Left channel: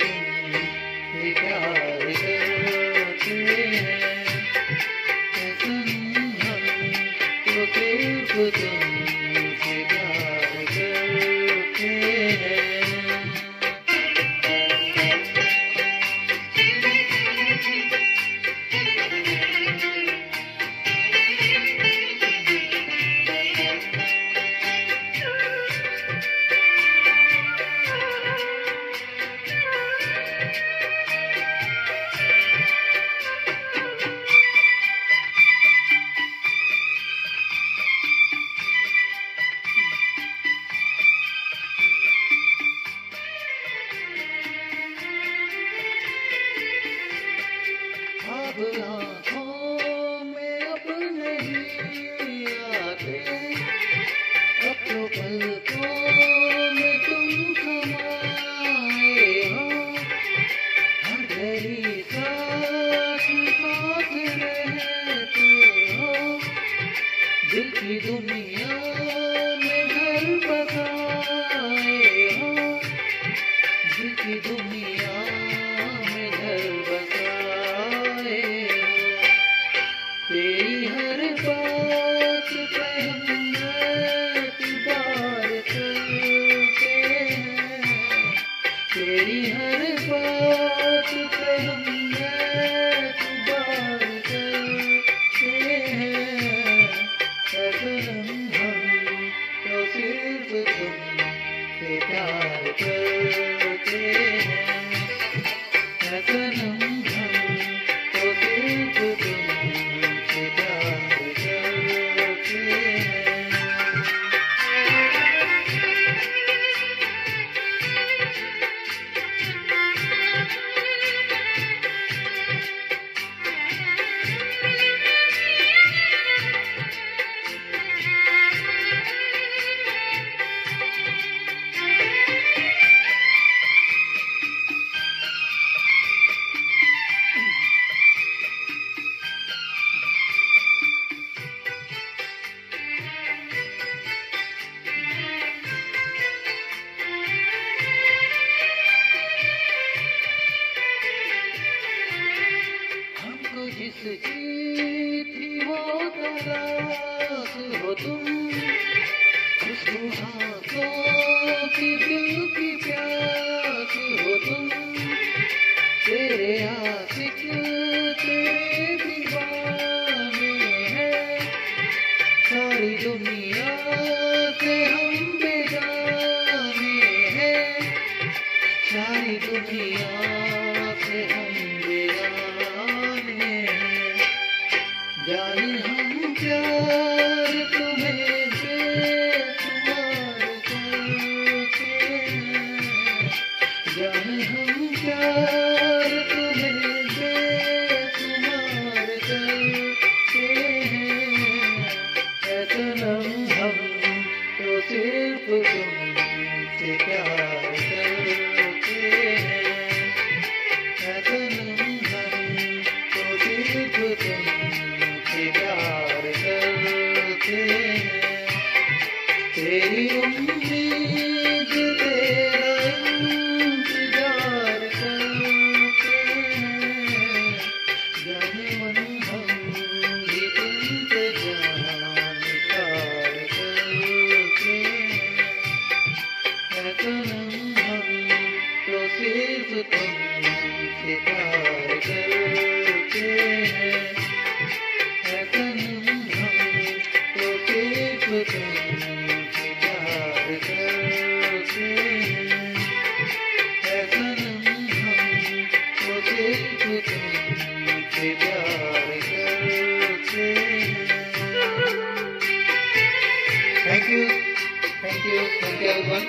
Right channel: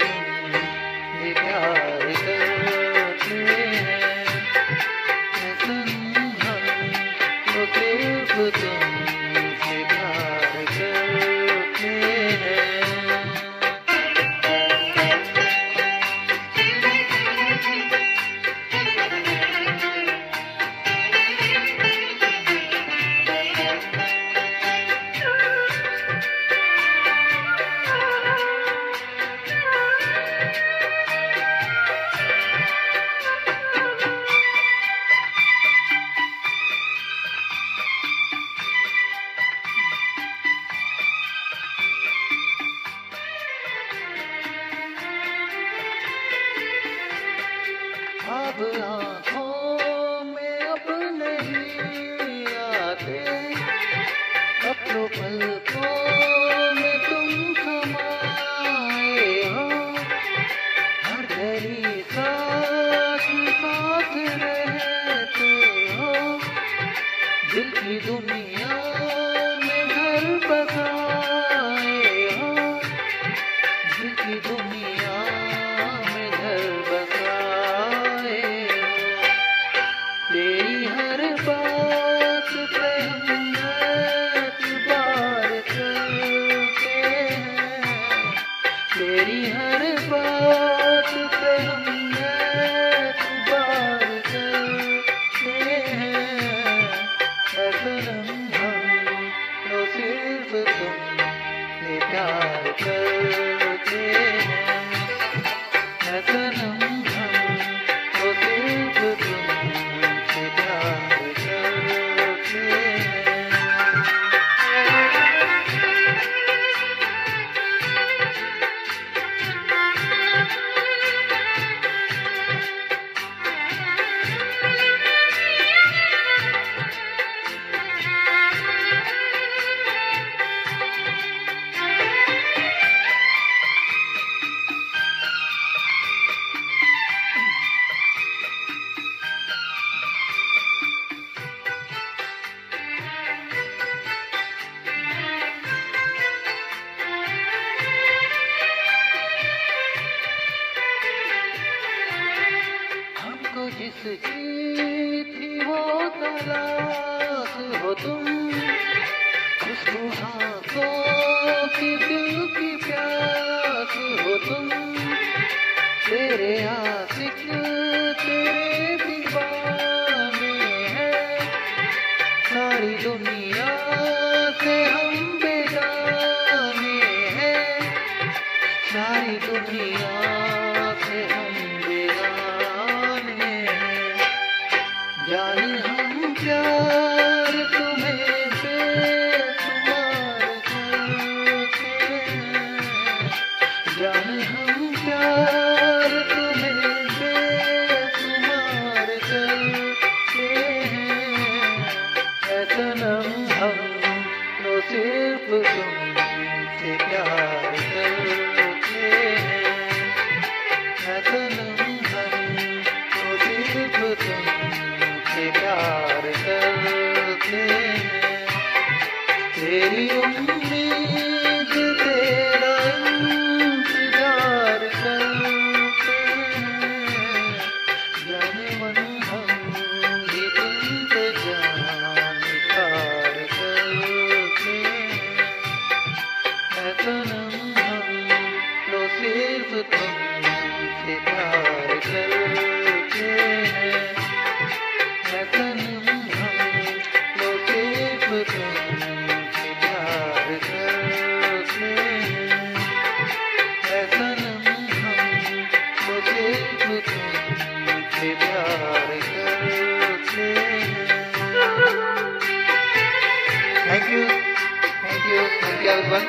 तुमसे प्यार करते हैं, सनम हम तो सिर्फ तुमसे प्यार करते हैं। अब आँखों में अब नहीं आते, अब तो पलकों में तुम समाए हो, हर घड़ी साथ साथ रहते हो, दिल की दुनिया में घर बसाए हो, दिल की दुनिया में घर बसाए हो। तेरी हर बात पर हम एतबार करते हैं, तेरी हर बात पर हम एतबार करते हैं, सनम हम तो सिर्फ तुमसे प्यार करते हैं, सनम हम तो सिर्फ तुमसे प्यार करते हैं। हमको जिसकी थी वो तलाश हो तुम, खुशबू हाथों की दिल की प्यास हो तुम, तेरे आशिक तेरे दीवाने हैं, सारी दुनिया से हम बेगाने हैं, सारी दुनिया से हम बेगाने हैं। जाने हम प्यार तुम्हें बेशुमार करते हैं, जाने हम प्यार तुम्हें बेशुमार करते हैं, सनम हम तो सिर्फ तुमसे प्यार करते हैं, सनम हम तो सिर्फ तुमसे प्यार करते हैं। तेरी उम्मीद तेरा इंतजार करते हैं, जाने मन हम भी तुमसे जान प्यार करते हैं, सनम हम तो सिर्फ तुमसे प्यार करते हैं, सनम हम तो सिर्फ तुमसे प्यार करते हैं, सनम हम तो सिर्फ तुमसे प्यार करते हैं। Thank you everyone.